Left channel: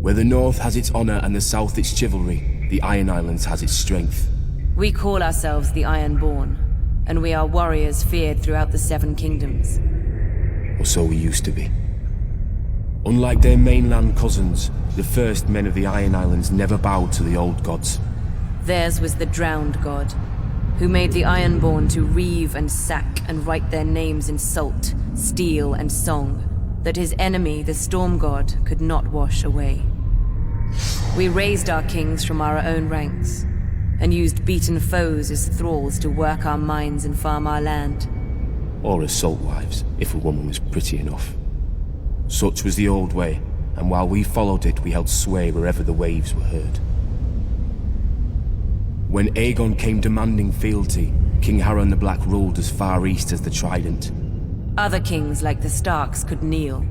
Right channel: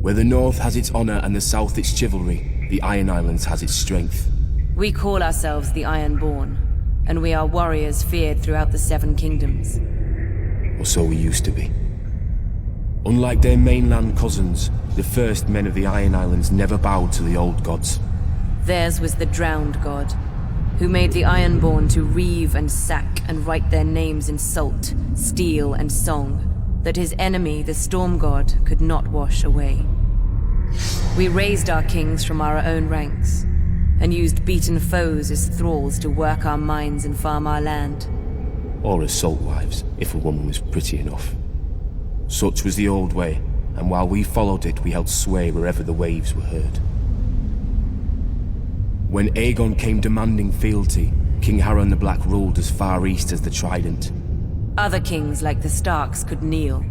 Where the North has its honor and the South its chivalry, the Iron Islands has its strength. We call ourselves the Ironborn, and we are warriors feared throughout the Seven Kingdoms. Or so we used to be. Unlike their mainland cousins, the first men of the Iron Islands never bowed to the old gods. Theirs was the drowned god, who made the Ironborn to reave and sack and write their names in salt, steel, and song, that his enemy, the Storm God, could not wash away. We raised our kings from our own ranks, and used beaten foes as thralls to work our mines and farm our land. Or as salt wives, if a woman was pretty enough. Such was the old way, and while we followed it, we held sway wherever the waves were heard. When Aegon came demanding fealty, King Harren the Black ruled as far east as the Trident. Other kings like the Starks could kneel,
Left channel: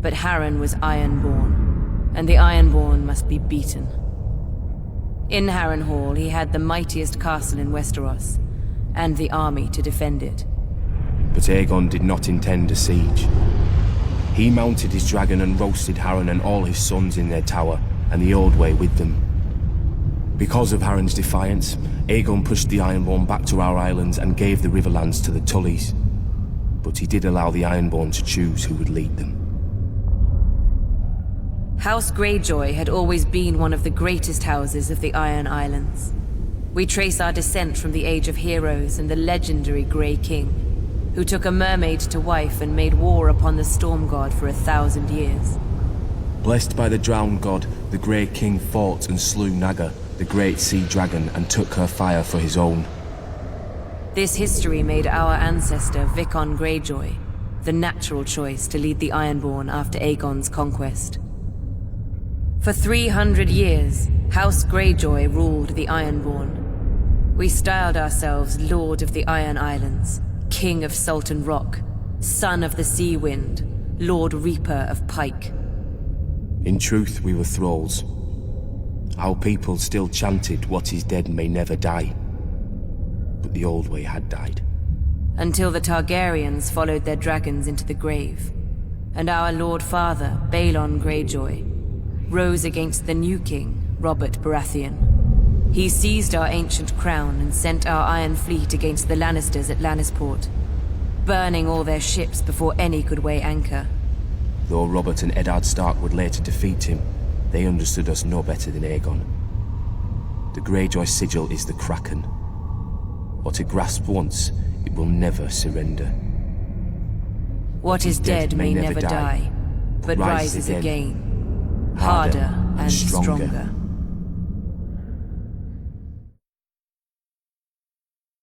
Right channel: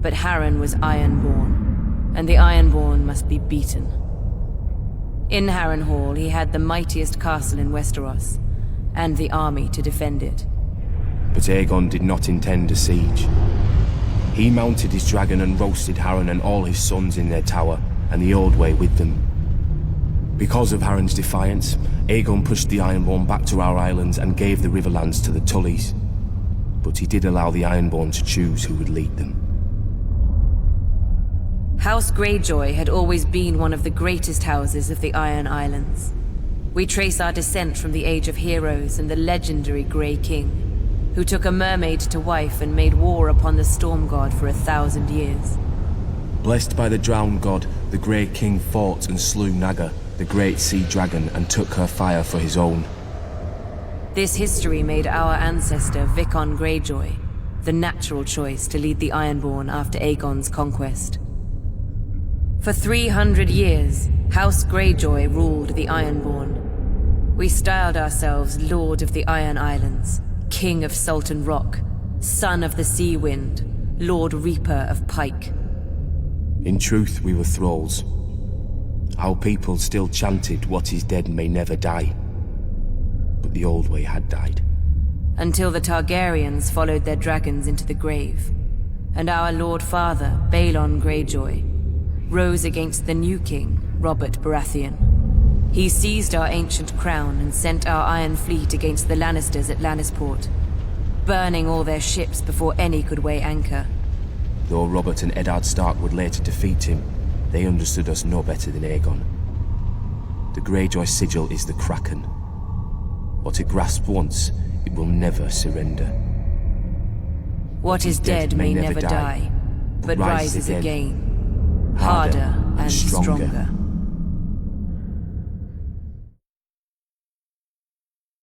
but Harren was Ironborn, and the Ironborn must be beaten. In Harrenhal, he had the mightiest castle in Westeros, and the army to defend it. But Aegon did not intend a siege. He mounted his dragon and roasted Harren and all his sons in their tower, and the Old Way with them. Because of Harren's defiance, Aegon pushed the Ironborn back to our islands and gave the Riverlands to the Tullys. But he did allow the Ironborn to choose who would lead them. House Greyjoy had always been one of the greatest houses of the Iron Islands. We trace our descent from the Age of Heroes and the legendary Grey King, who took a mermaid to wife and made war upon the Storm God for 1,000 years. Blessed by the Drowned God, the Grey King fought and slew Naga, the great sea dragon, and took her fire for his own. This history made our ancestor Vicon Greyjoy the natural choice to lead the Ironborn after Aegon's conquest. For 300 years, House Greyjoy ruled the Ironborn. We styled ourselves Lord of the Iron Islands, King of Salton Rock, Son of the Sea Wind, Lord Reaper of Pike. In truth, we were thralls. Our people still chanted, "What is dead may never die." But the Old Way had died. Until the Targaryens followed their dragons into the grave, and our Lord Father, Balon Greyjoy, rose against the new king, Robert Baratheon. He seized our ancient crown and sent our Iron Fleet against the Lannisters at Lannisport, burning all their ships before any could weigh anchor. Though Robert and Eddard Stark would later defeat him, they understood us no better than Aegon. The Greyjoy sigil is the Kraken. What it grasped once, it will never surrender. What is dead may never die, but rises again, harder and stronger.